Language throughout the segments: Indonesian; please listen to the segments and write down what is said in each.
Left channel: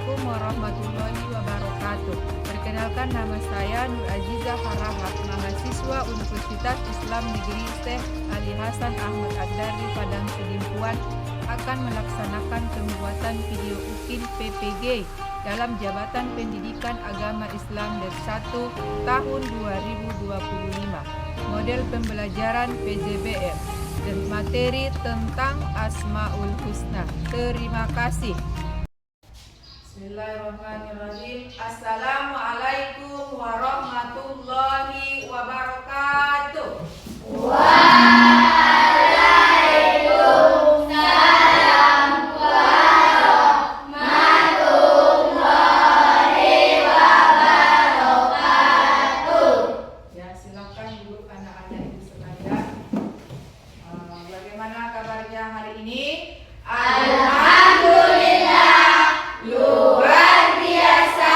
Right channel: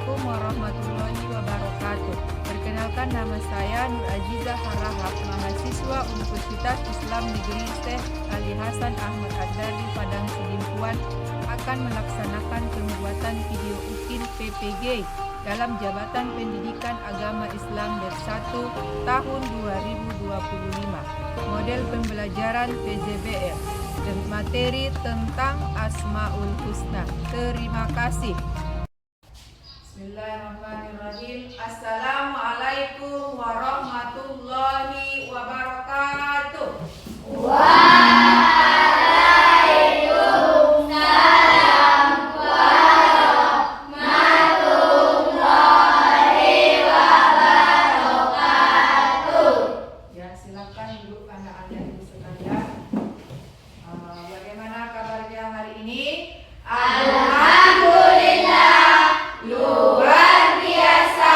Assalamualaikum warahmatullahi wabarakatuh. Perkenalkan, nama saya Nur Azizah Harahap, mahasiswa Universitas Islam Negeri Syekh Ali Hasan Ahmad Ad-Dari Padang Sidimpuan, akan melaksanakan pembuatan video UKIN PPG dalam Jabatan Pendidikan Agama Islam Bersatu tahun 2025. Model pembelajaran PJBM dan materi tentang Asmaul Husna. Terima kasih. Bismillahirrahmanirrahim. Assalamualaikum warahmatullahi wabarakatuh. Waalaikumsalam warahmatullahi wabarakatuh. Ya, silakan Bu, anak-anak ibu sekalian. Bagaimana kabarnya hari ini? Alhamdulillah, luar biasa,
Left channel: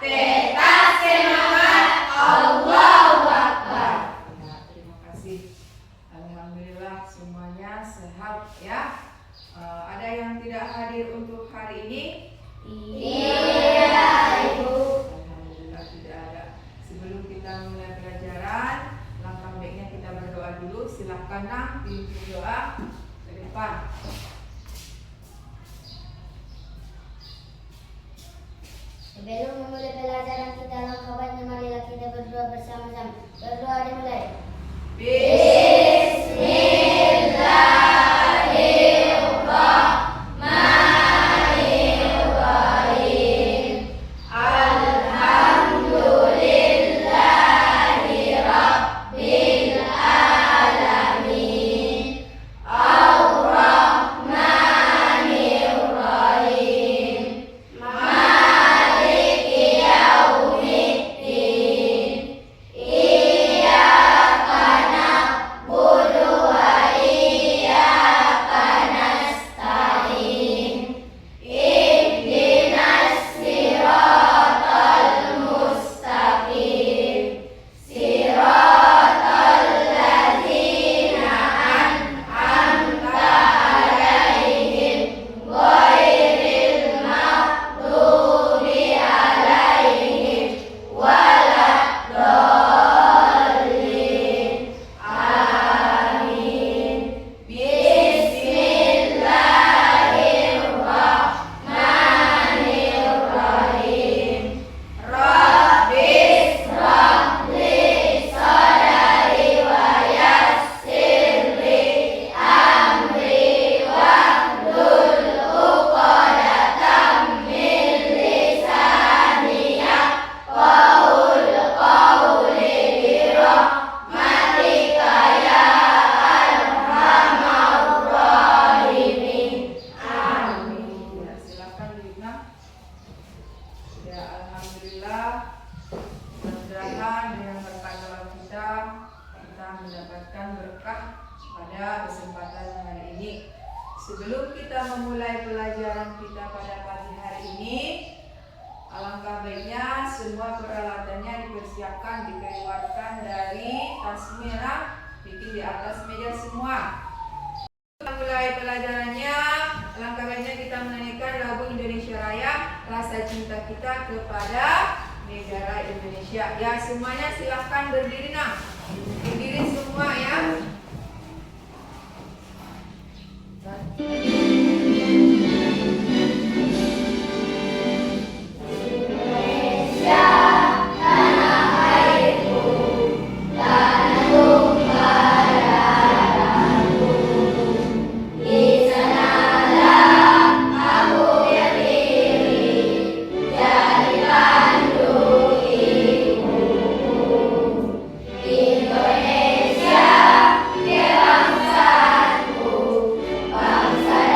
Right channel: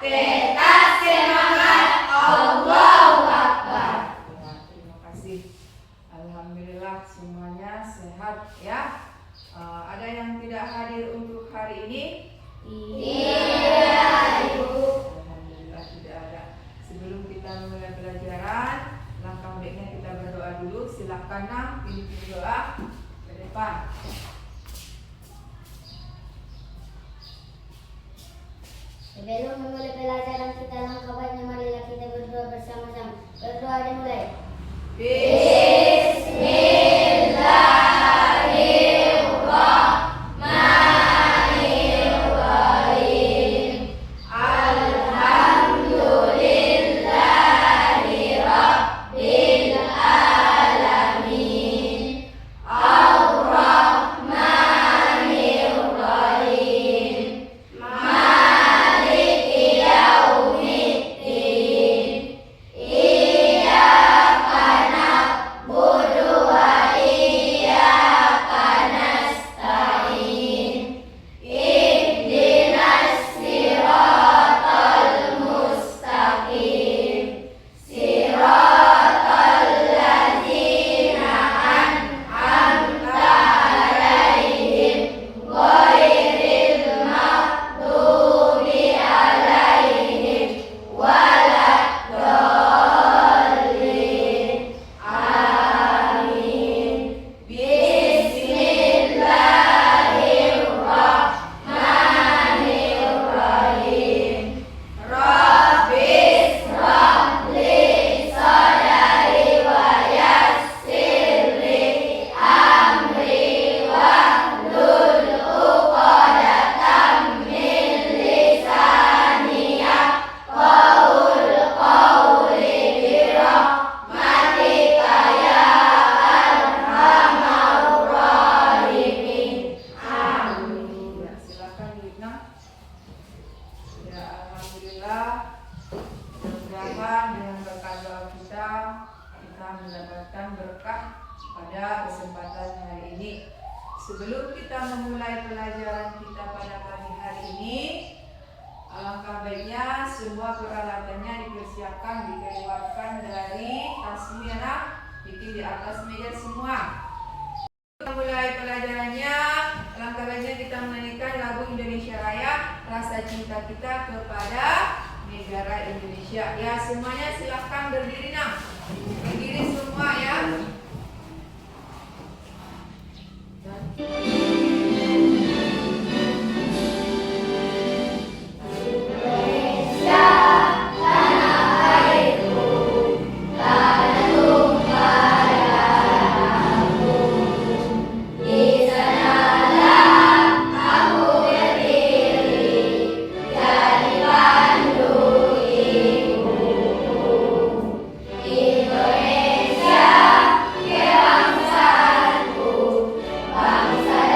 tetap semangat, Allahu Akbar. Ya, terima kasih. Alhamdulillah semuanya sehat ya. Ada yang tidak hadir untuk hari ini? Iya, Ibu. Alhamdulillah tidak ada. Sebelum kita mulai pelajaran, langkah baiknya kita berdoa dulu. Silahkan Nang, pimpin doa ke depan. Sebelum memulai pelajaran kita, langkah baiknya marilah kita berdoa bersama-sama. Berdoa dimulai. Bismillahirrahmanirrahim. Alhamdulillahi Rabbil Alamin. Ar-Rahmanir-Rahim. Maliki Yaumiddin. Iyyaka na'budu wa iyyaka nasta'in. Ihdinas siratal mustaqim. Siratal ladzina an'amta 'alaihim ghairil maghdubi 'alaihim waladdallin. Amin. Bismillahirrahmanirrahim. Rabbis rabli sadari wa yassirli amri wahlul 'uqdatam min lisani yafqahul qawli birahmatika ya arhamar rahimin. Amin. Ya, silakan Lina. Ya, alhamdulillah. Mudah-mudahan dengan berkat doa kita mendapatkan berkah pada kesempatan hari ini. Sebelum kita memulai pelajaran kita pada pagi hari ini, alangkah baiknya semua peralatannya dipersiapkan, dikeluarkan dari tasnya, bikin di atas meja semua. Mulai pelajarannya, langkah baiknya kita menyanyikan lagu Indonesia Raya, rasa cinta kita kepada negara Indonesia. Ya, semuanya silahkan berdiri Nang. Berdiri semua ya. Indonesia tanah airku, tanah tumpah darahku. Di sanalah aku berdiri, jadi pandu ibuku. Indonesia kebangsaanku, bangsa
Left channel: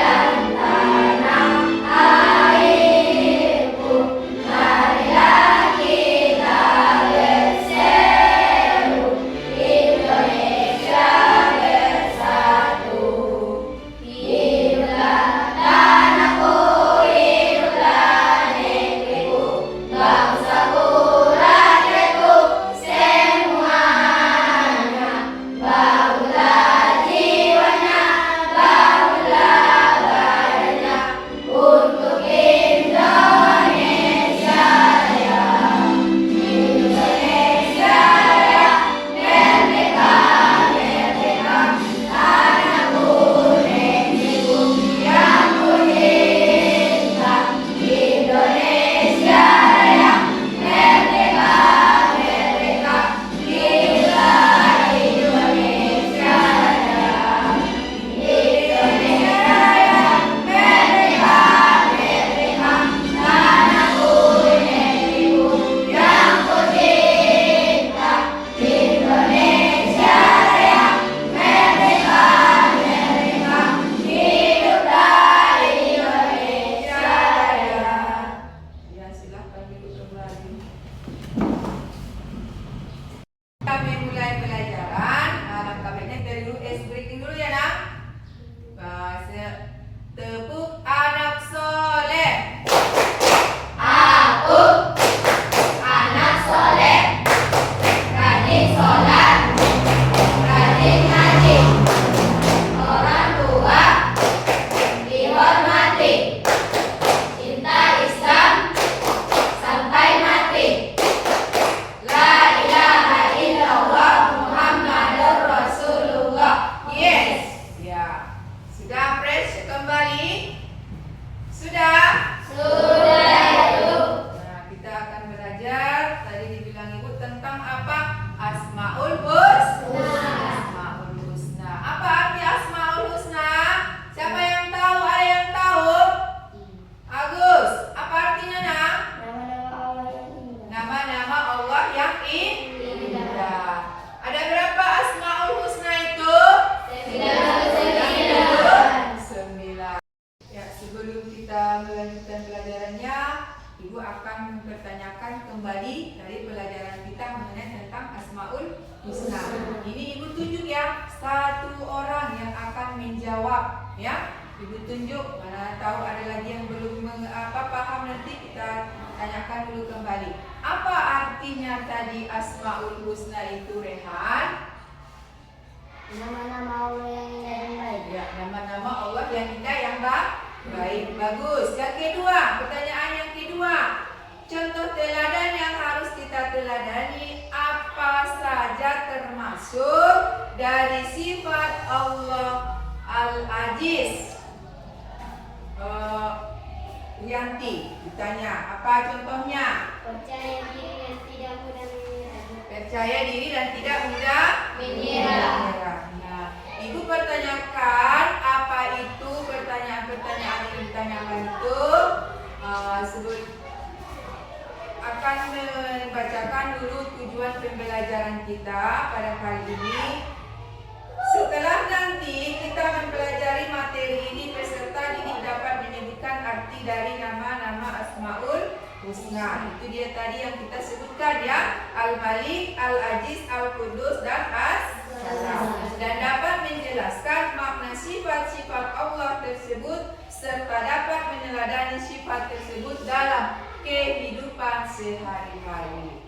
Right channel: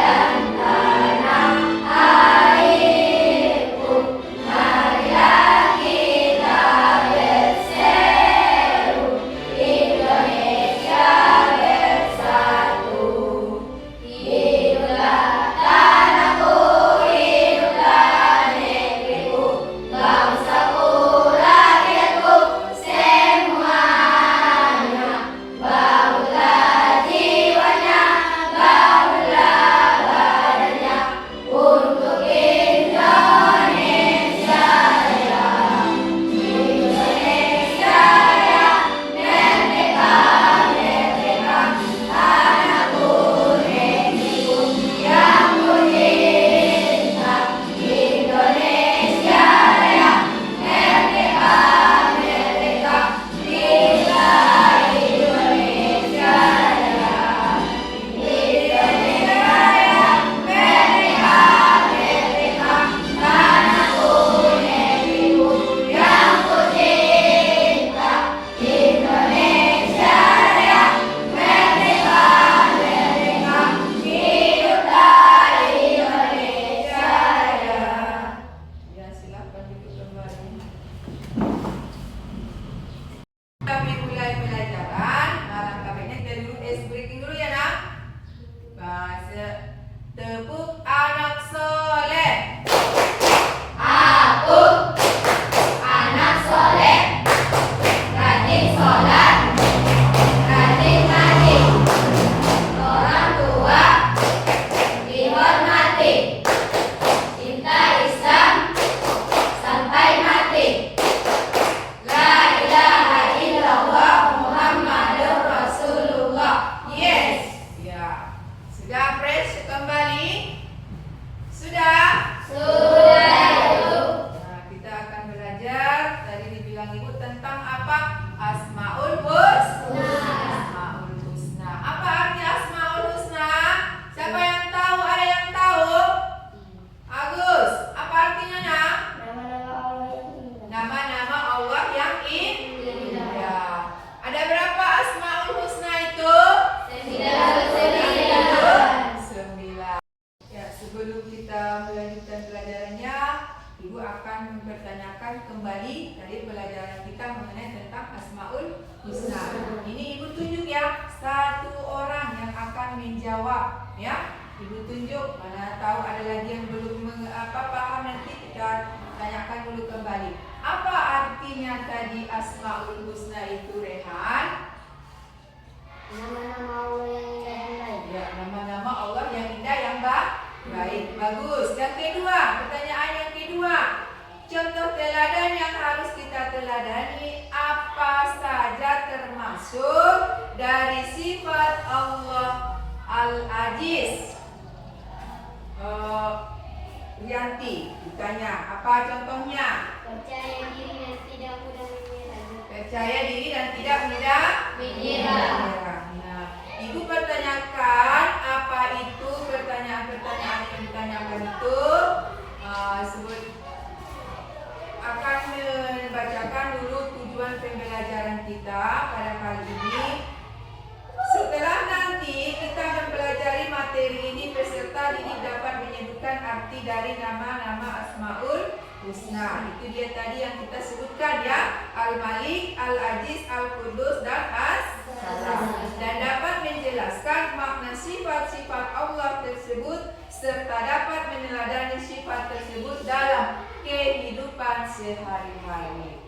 Ibu akan mempertanyakan kembali dari pelajaran kita mengenai tentang Asmaul Husna. Ini Ibu tunjuk ya, satu orang yang akan menjawab ya. Ibu tunjuk, mana tahu ada lagi yang belum paham, nanti kita tanyakan dulu kembali. Apa artinya tadi Asmaul Husna itu, Rehan? Nama-nama Allah yang indah dan baik. Ya, nama-nama Allah yang indah yang baik. Bagus. Yang kedua, pertanyaan yang kedua. Contoh teladan yang harus kita teladani apa saja termasuk dari sifat Allah Al-Aziz? Yanti ditanya, apa contohnya? Percaya diri dan tidak mudah menyerah. Percaya diri dan tidak mudah menyerah. Nah, Ibu pertanyakan apa itu pertanyaan-pertanyaan yang ditanyakan itu. Akan membacakan dulu tujuan pembelajaran kita pada kali ini. Setelah nanti kita mempelajari materi ini, peserta didik dapat menyebutkan arti dari nama-nama Asmaul Husna. Itu dia tadi yang kita sebutkan ya, Al-Malik, Al-Aziz, Al-Qudus, dan As-Salam. Dan dapat menjelaskan makna sifat-sifat Allah tersebut serta dapat meneladani sifat tersebut dalam kehidupan sehari-hari.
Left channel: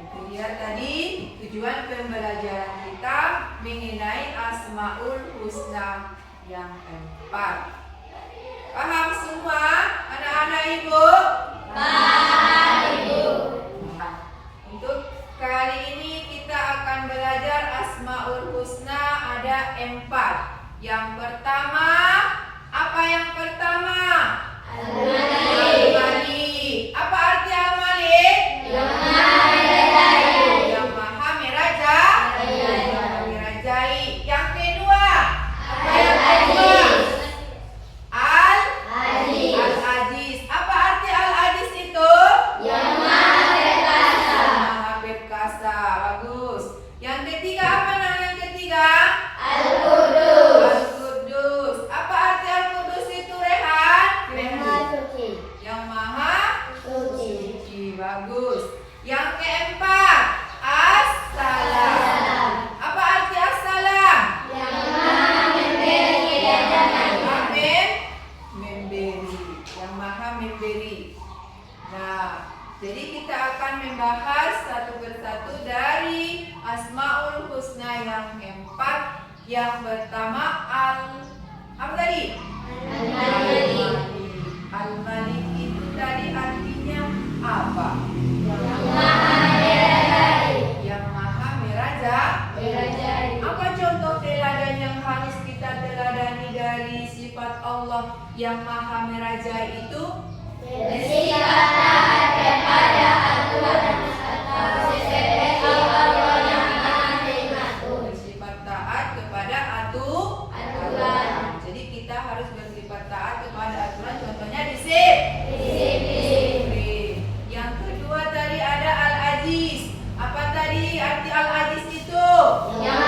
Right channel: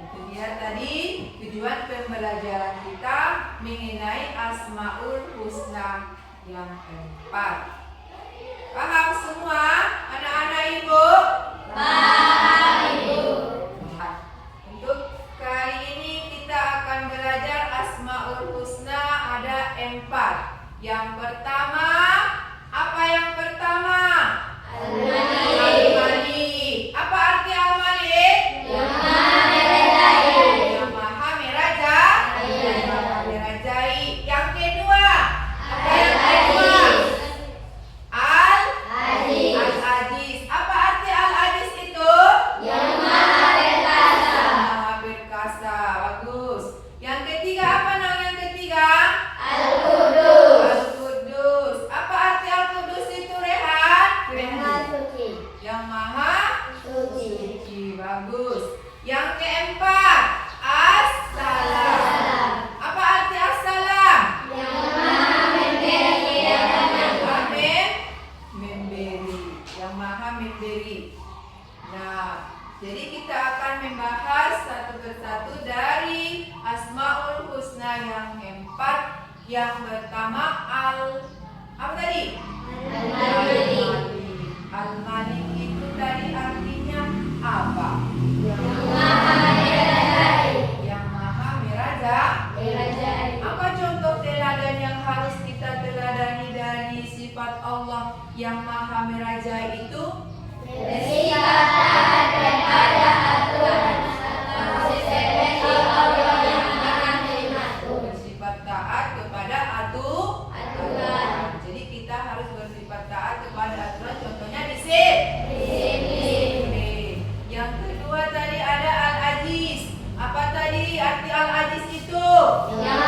Itu dia tadi tujuan pembelajaran kita mengenai Asmaul Husna yang 4. Paham semua anak-anak Ibu? Paham, Ibu. Untuk kali ini kita akan belajar Asmaul Husna ada 4. Yang pertama, apa yang pertama? Al-Malik. Apa arti Al-Malik? Yang Maha merajai. Yang kedua, apa yang kedua? Al-Aziz. Apa arti Al-Aziz itu? Yang Maha perkasa. Maha perkasa. Bagus. Yang ketiga, apa nama yang ketiga? Al-Qudus. Al-Qudus. Apa arti Al-Qudus itu, Rehan? Yang Maha suci. Yang Maha Suci. suci. Bagus. Yang keempat, As-Salam. Apa arti As-Salam? Yang Maha memberi dan Memberi. Yang Maha memberi. Nah, jadi kita akan membahas satu persatu dari Asmaul Husna yang 4. Yang pertama apa tadi? Al-Malik. Al-Malik itu tadi artinya apa? Yang Maha merajai. Yang Maha merajai. Apa contoh teladan yang harus kita teladani dari sifat Allah yang Maha merajai itu? Bersikap taat kepada aturan sesuai Allah yang Maha Terima. Bersifat taat kepada aturan. Jadi kita harus bersifat taat kepada aturan. Contohnya disiplin. Yang kedua tadi ada Al-Aziz. Apa tadi arti Al-Aziz itu? Yang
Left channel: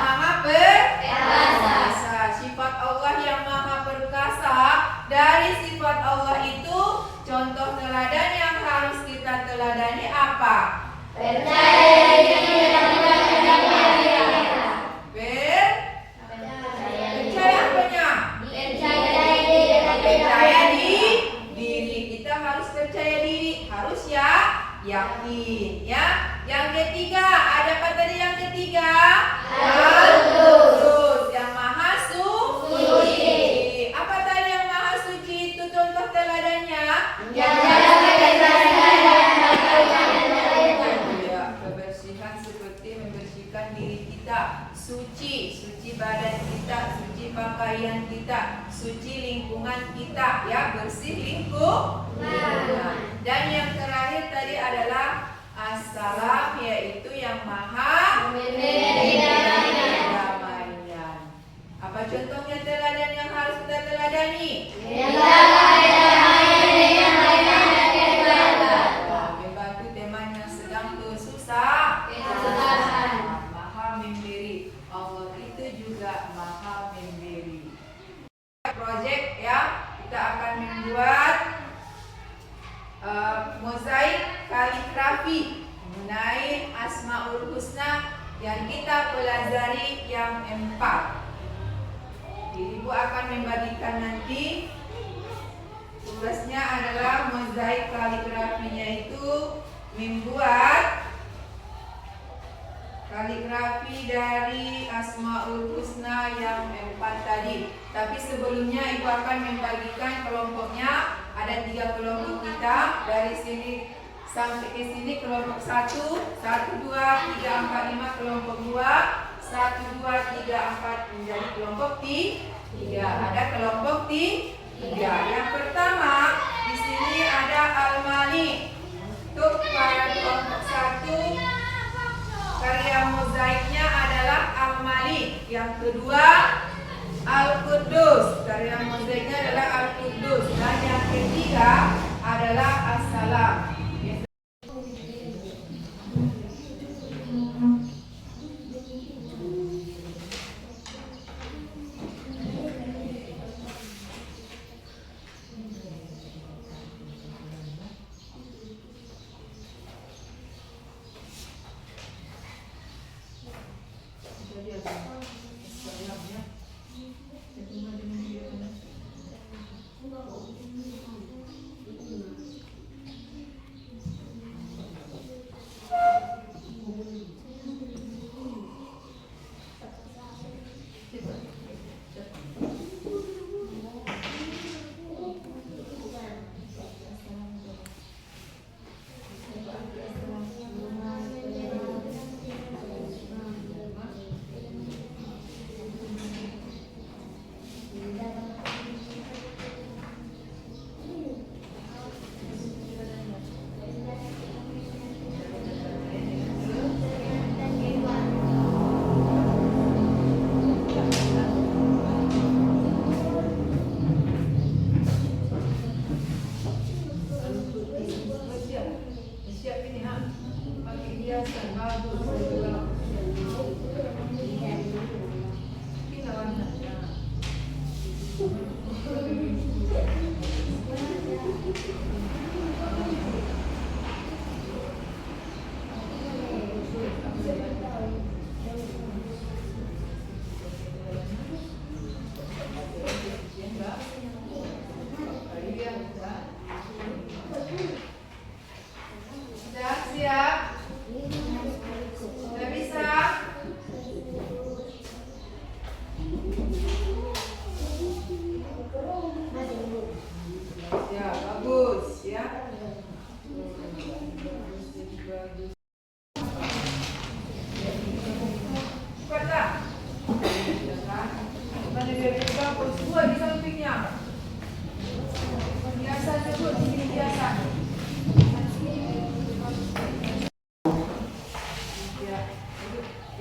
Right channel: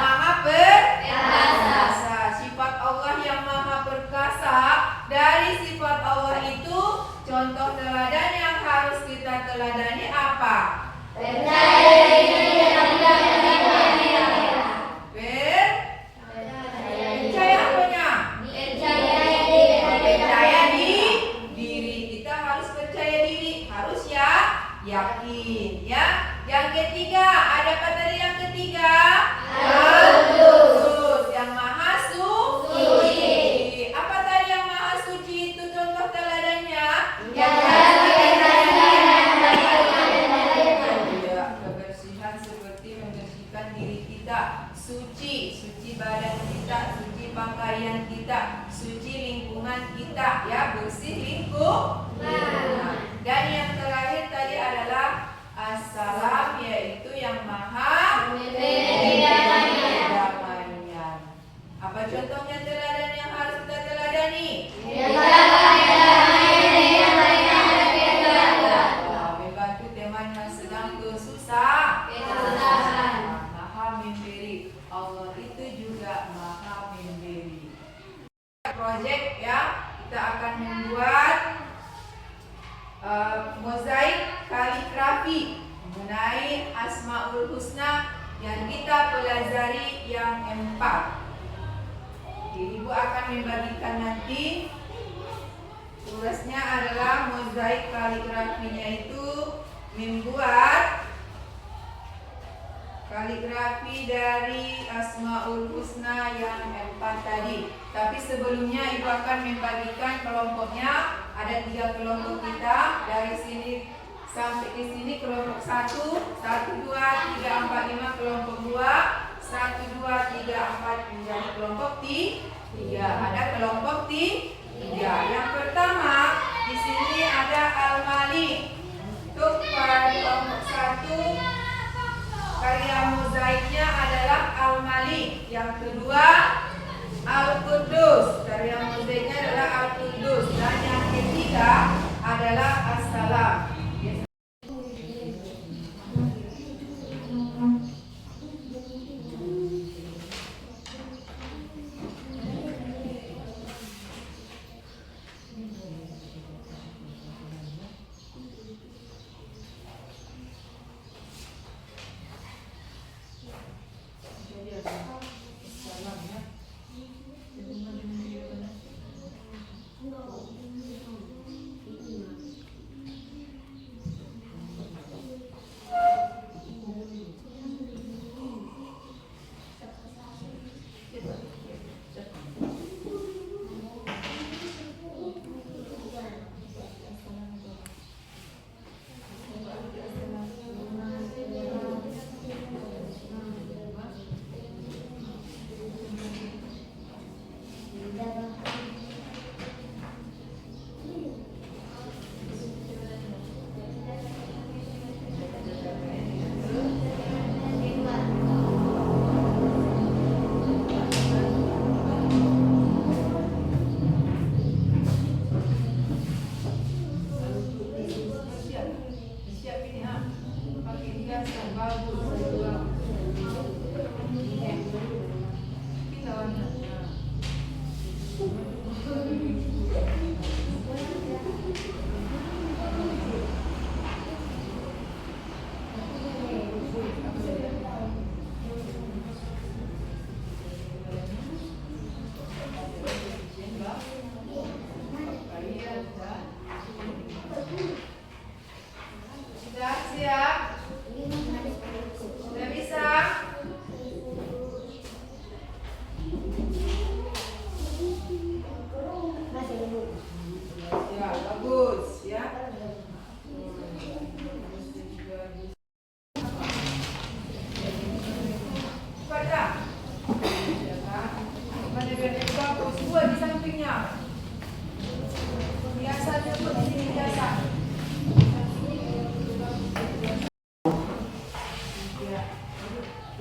Maha Perkasa. Sifat Allah yang Maha Perkasa. Dari sifat Allah itu contoh teladan yang harus kita teladani apa? percaya diri dan tidak menyerah. Percaya apanya? Percaya diri dan Percaya diri. Kita harus percaya diri, harus yakin ya. Yang ketiga, ada apa tadi yang ketiga? Al-Qudus, yang Maha suci. Apa tadi yang Maha suci itu contoh teladannya? Ya, kebersihan seperti membersihkan diri kita, suci badan kita, suci pakaian kita, suci lingkungan kita, ya, bersih lingkungan. Dan yang terakhir tadi adalah As-Salam, yaitu yang Maha damainya. Apa contohnya teladan yang harus kita teladani? Membantu teman yang sedang kesusahan. Maha memberi. Allah itu juga Maha memberi. Project ya, kita akan membuat membagikan nanti tugasnya adalah mozaik kaligrafinya itu membuat kaligrafi dari Asmaul Husna yang 4 tadi. Tapi sebelumnya ibu akan membagikan kelompoknya. Ada 3 kelompok kita. Dari sini sampai ke sini kelompok 1, 1, 2, 3, 4, 5 kelompok 2, 1, 2, 3, 4 menjadi kelompok 3. Ada kelompok 3. Yang pertama di sini ada Al-Mali. Untuk kelompok 1 karya mozaiknya adalah Al-Mali. Yang kedua Al-Quddus. Karya mozaiknya adalah Al-Quddus. Dan yang ketiga adalah As-Salam.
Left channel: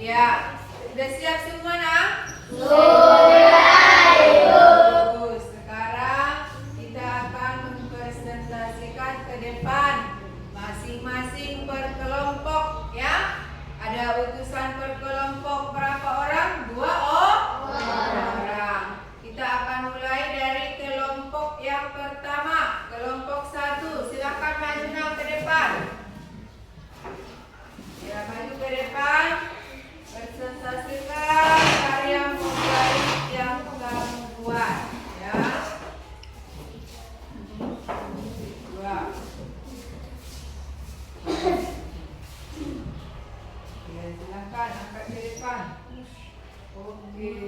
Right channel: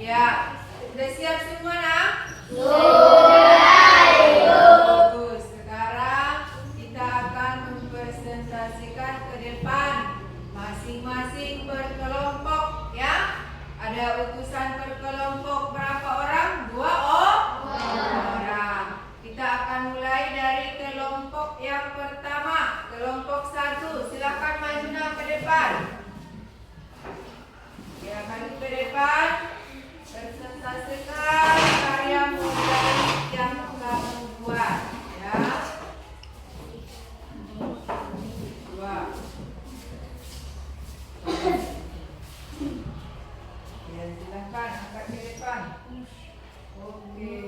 Ya, sudah siap semua nak? Bagus. Sekarang kita akan mempresentasikan ke depan masing-masing per kelompok ya. Ada utusan per kelompok berapa orang? 2 orang. Kita akan mulai dari kelompok yang pertama. Kelompok 1, silakan maju ke depan. Ya, maju ke depan. Presentasikan karya mozaik yang kamu buat ya. 2. Ya, silakan angkat ke depan. Oke.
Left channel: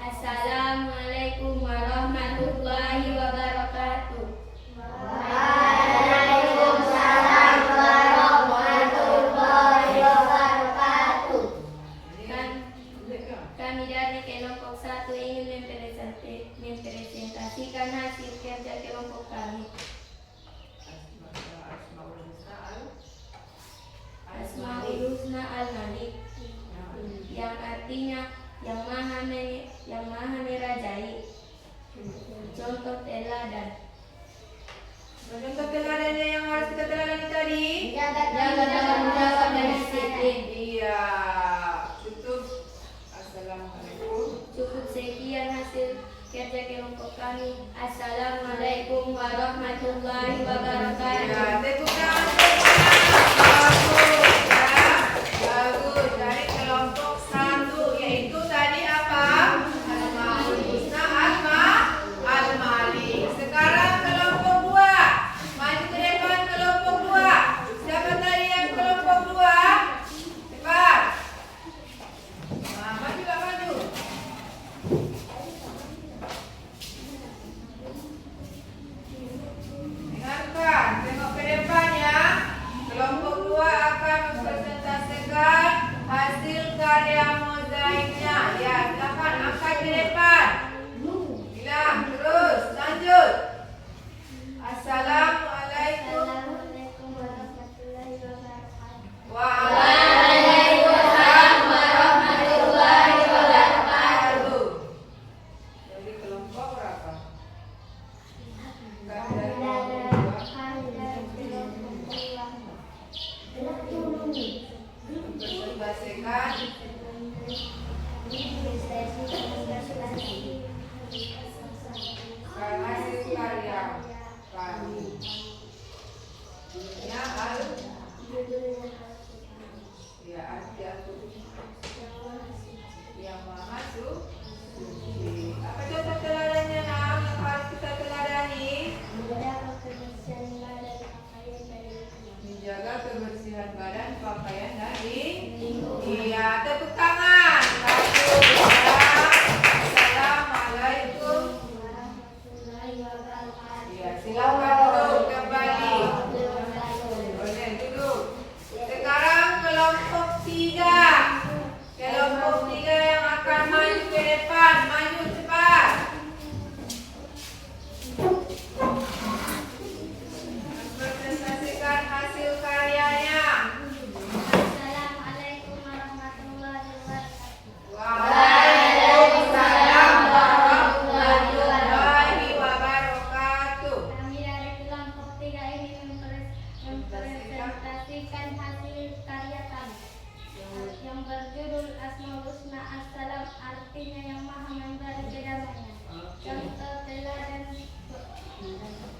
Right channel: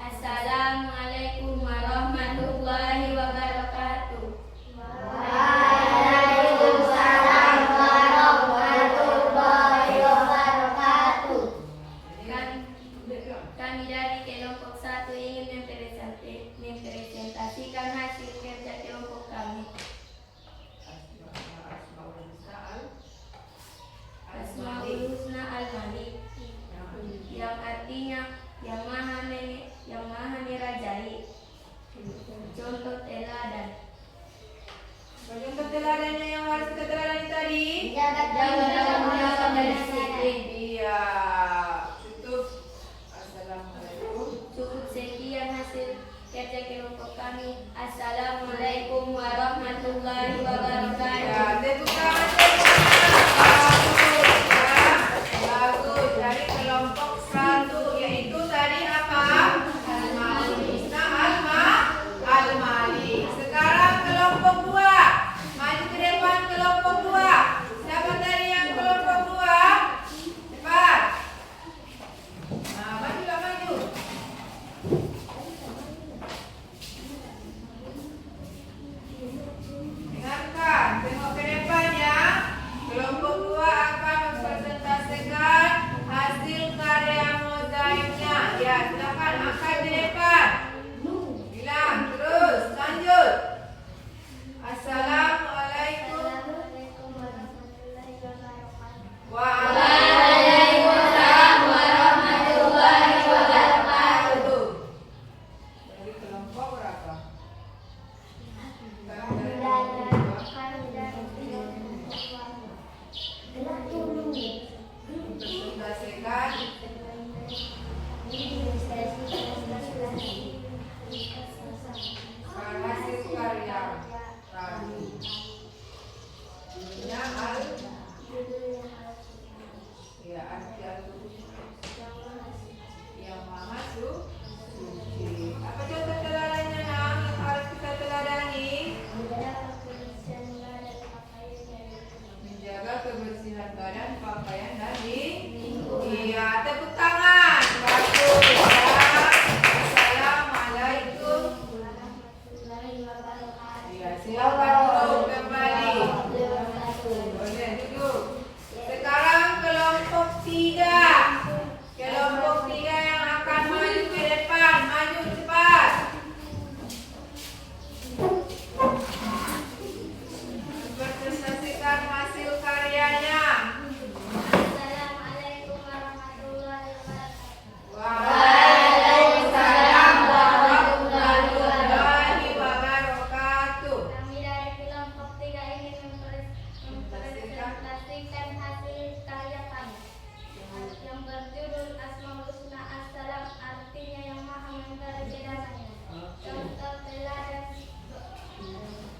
Assalamualaikum warahmatullahi wabarakatuh. Kami dari kelompok 1 ingin mempresentasikan hasil kerja kelompok kami. Asmaul Husna Al-Malik, yang artinya yang maha merajai. Contoh teladan. Contoh teladannya yang harus kita teladani tadi. Jaga dalam menjaga disiplin. Iya. Cukup. Assalamualaikum. Cukup sekian hasil kerja kelompok kami. Assalamualaikum warahmatullahi wabarakatuh. Ya, tepuk tangan. Bagus ya. Bagus. Dari kelompok 1 yaitu tadi apa? Asmaul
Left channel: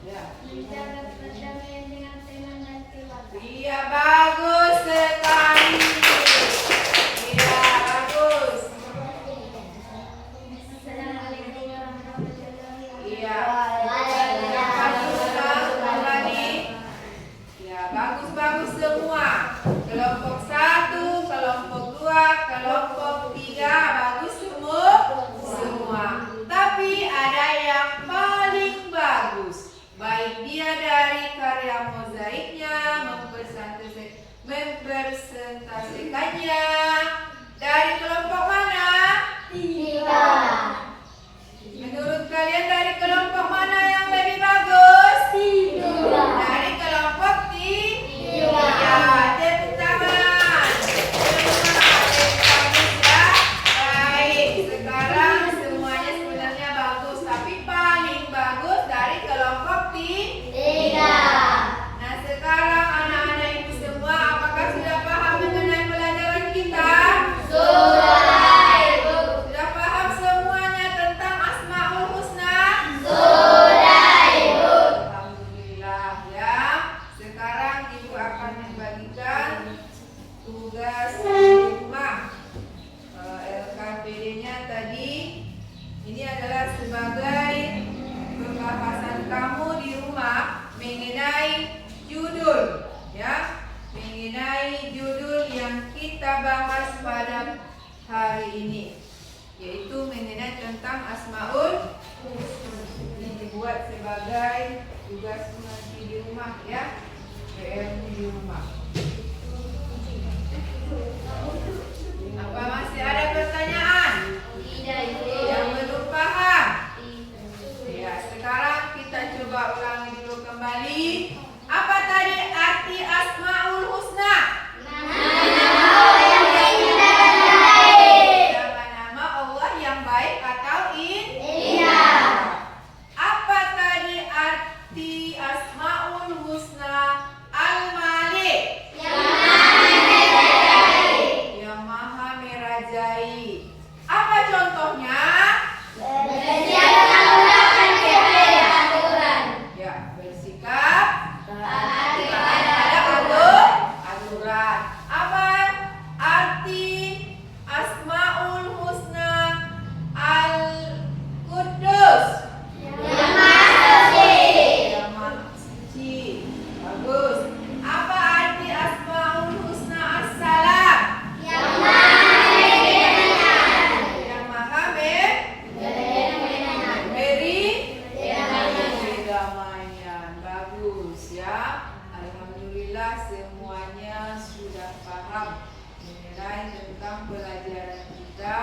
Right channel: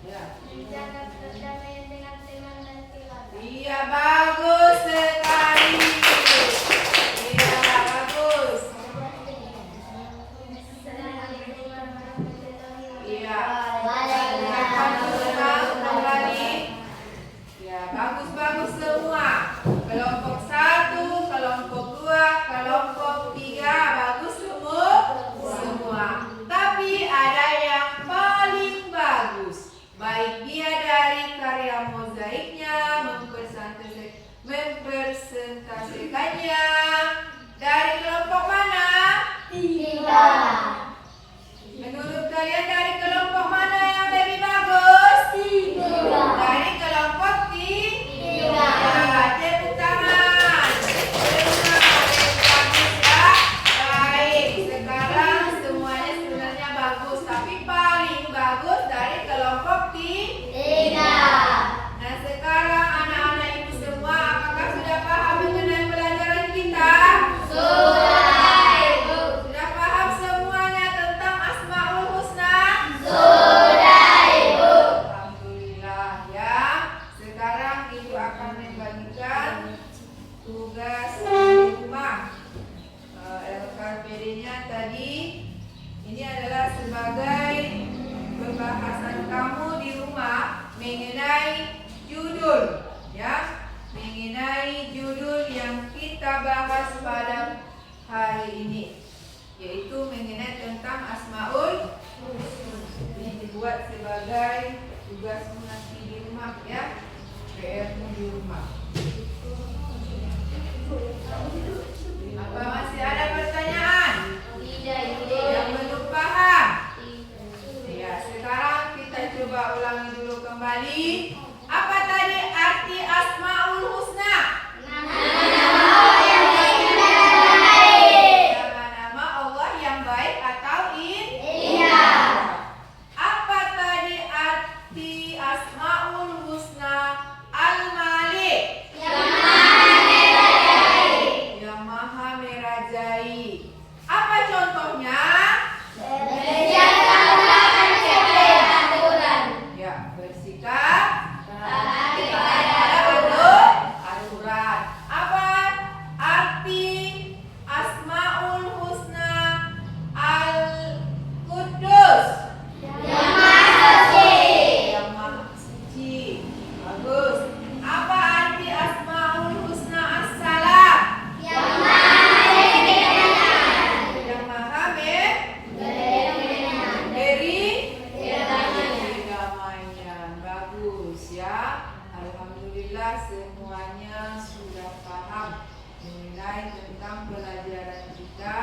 Ya. Menjaga perdamaian dengan teman dan keluarga. Iya, bagus sekali. Iya, bagus. Assalamualaikum warahmatullahi wabarakatuh. Iya. Waalaikumsalam. Ya, bagus-bagus semua. Kelompok 1, kelompok 2, kelompok 3, bagus semua. Tapi ada yang paling bagus. Baik dia dari karya mozaiknya, mempresentasikannya. Dari kelompok mana? 3. Menurut kalian dari kelompok mana yang lebih bagus? 3. Dari kelompok 3. Ya, tepuk tangan. Baik, sekarang semuanya sebenarnya bagus, tapi paling bagus dari kelompok 3. Nah, sekarang anak-anak ini semua apakah sudah paham mengenai pelajaran kita? Sudah paham semuanya tentang Asmaul Husna? Alhamdulillah ya. Sekarang Ibu akan membagikan tugas rumah. LKPD-nya tadi ini adalah sebagai pembahasan kamu di rumah mengenai judul ya, mengenai judul yang kita bahas pada hari ini, yaitu mengenai tentang Asmaul. Ini dibuat sebagai tugas nanti di rumah ya, PR di rumah. Apa masih ada pertanyaan yang belum paham? Ya, sekarang kita coba ulangi dulu kembali. Apa tadi arti Asmaul Husna? Nama-nama Allah yang baik atau indah. Apa tadi arti Asmaul Husna? Al-Malik. Yang Maha Merajai. Apa contohnya? Ya, bersikap aturan. Apa arti Asmaul Husna Al-Quddus? Yang Maha Suci. Bagus. Apa arti Asmaul Husna As-Salam? Yang Maha memberi kedamaian. Bagus ya. Alhamdulillah semuanya sudah paham mengenai tentang pelajaran kita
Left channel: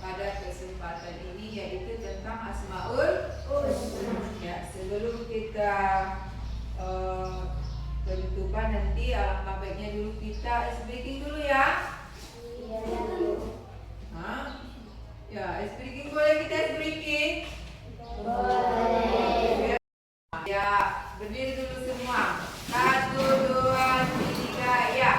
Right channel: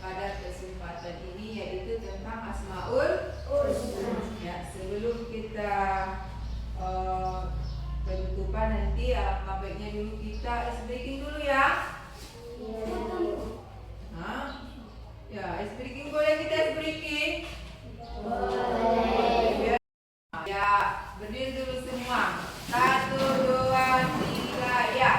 pada kesempatan ini, yaitu tentang Asmaul Husna. Ya, sebelum kita penutupan nanti, alangkah baiknya dulu kita ice breaking dulu ya. Hah? Ya, ice breaking boleh kita ice breaking? Ya, berdiri dulu semua. 1, 2, 3, ya.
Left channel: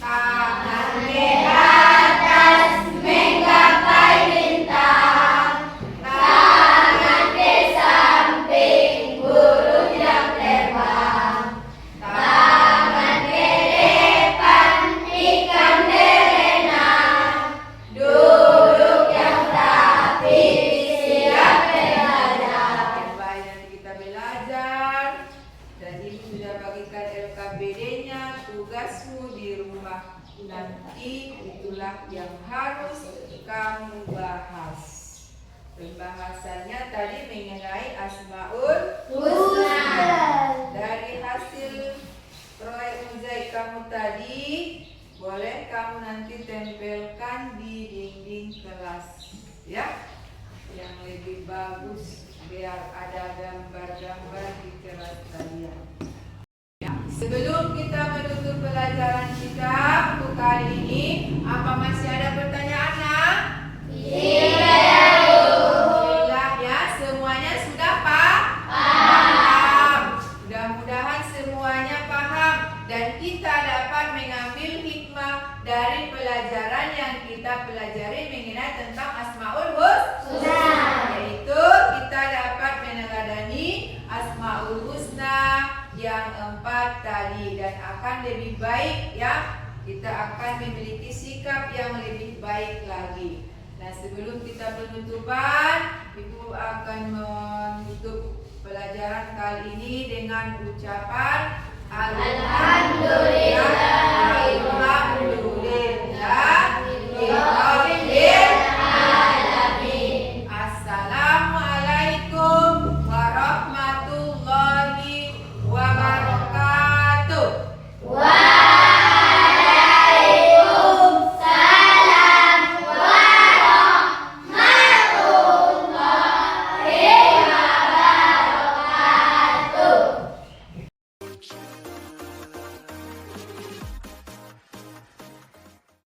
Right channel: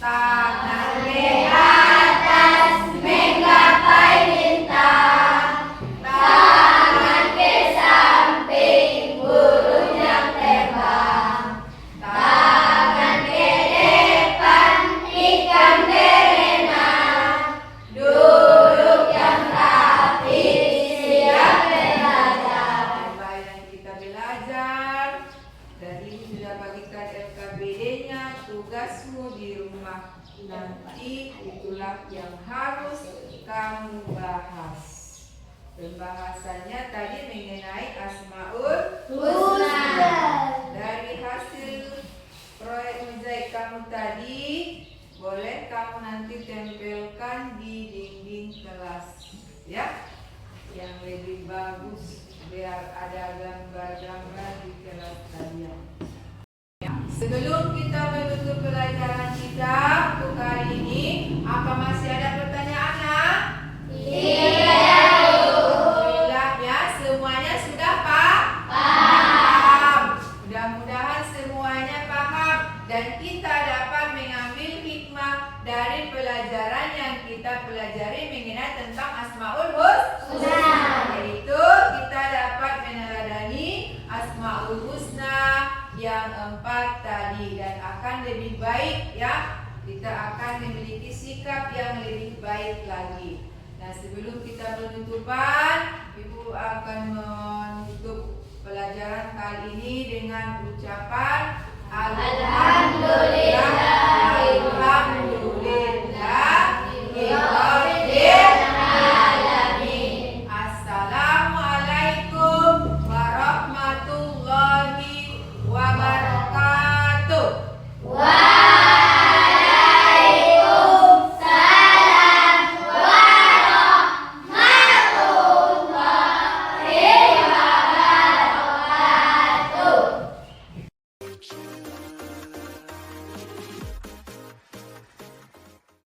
Tangan di atas menggapai bintang. Tangan ke samping burung yang terbang. Tangan ke depan ikan berenang. Duduk yang rapi siap belajar. Kembali nanti kita belajar. Dan ibu sudah bagikan LKPD-nya, tugasmu di rumah nanti itulah yang harus kamu bahas. Pembahasannya tadi mengenai Asmaul Husna. Dari hasil proyek mozaik kamu tadi, boleh kamu nanti tempelkan di dinding kelas ya, yang lebih bagus biar ada gambar-gambar di kelas kalian. Sebelum kita menutup pelajaran kita untuk hari ini, apa masih ada pertanyaan? Alhamdulillah ya, semuanya sudah paham. Mudah-mudahan semuanya paham dan kita dapat mengambil hikmah dari pelajaran yang kita pelajari mengenai tentang Asmaul Husna, yaitu kita dapat meneladani Asmaul Asmaul Husna yang 4 tadi, dan akan lebih baik ya, kita akan memiliki sikap yang lebih baik lagi. Nah, sebelum kita penutupan, Ibu akan menutup pelajaran kali ini dengan ucapan Alhamdulillah